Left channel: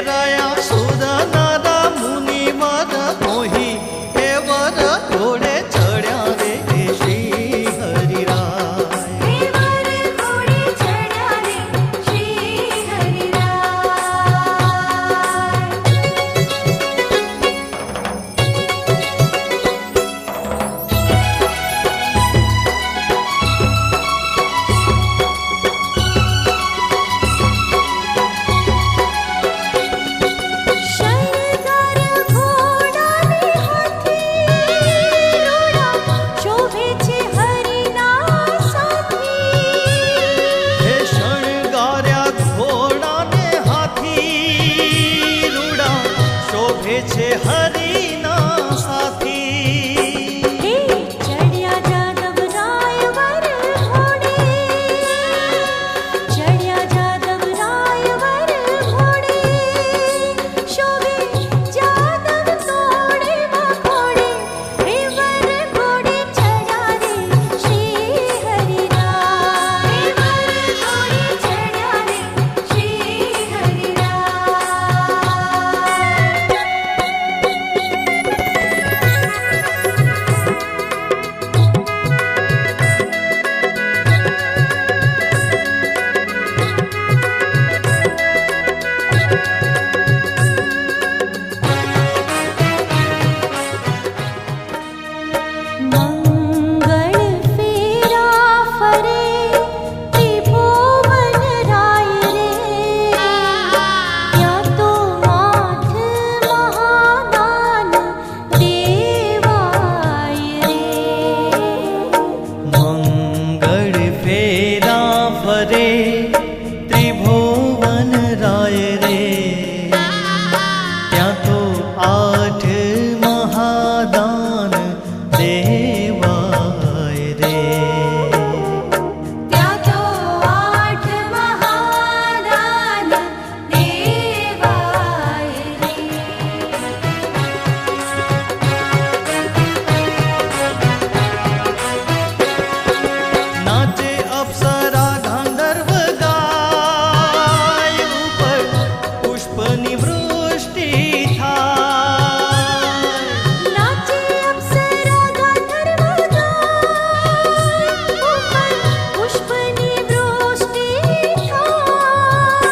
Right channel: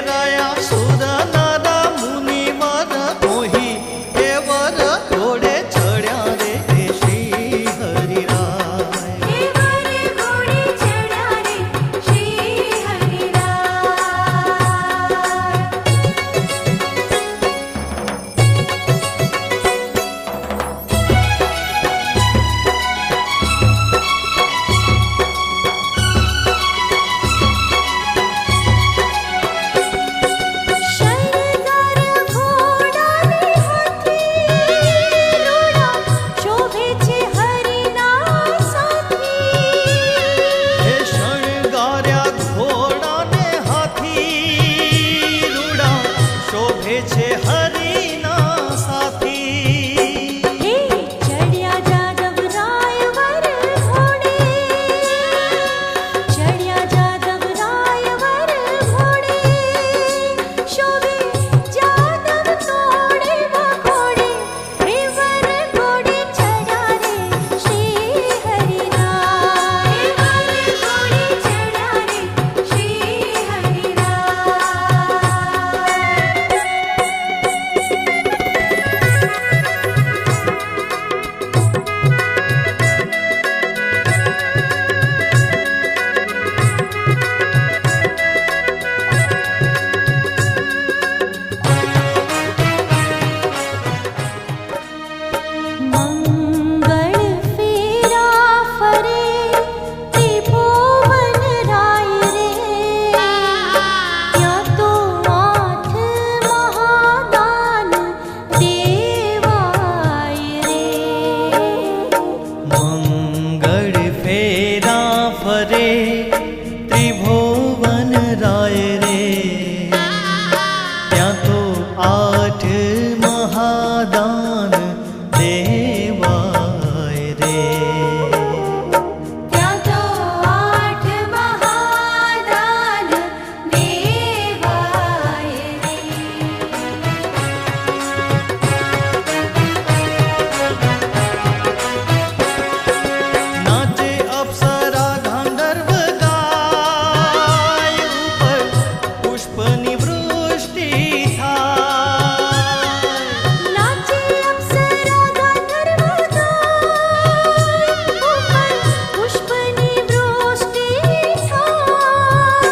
फेराया सुर नर मुनि वर मोही हे वर घोड़े चढ़्या रे श्री हरिराय। शोभे छे हरिना साथी हे चढ़िया जादव राय वर घोड़े, चढ़िया जादव राय वर घोड़े, शोभे जादव तोड़े घोड़े, हे वर घोड़े चढ़ा रे श्री हरिराय। घोड़े चढ़ा रे श्री फरे त्रिभुवन राय रे, त्या तो 8 महादान देवाय रे। त्या तो 8 महादान देवाय रे। नाचे अप्सरा गांधर्व गाय, ऊपर पुष्पनी वृष्टि थाय। नाचे अप्सरा गांधर्व गाय, ऊपर पुष्पनी वृष्टि थाय।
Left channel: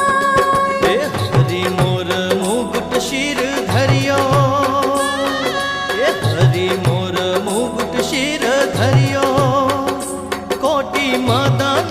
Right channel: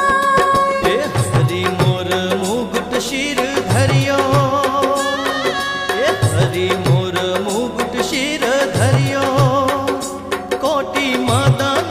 हे हरि मोर मुकुट शिर धरियो, हे हरि मोर मुकुट शिर धरियो, कोटि मदन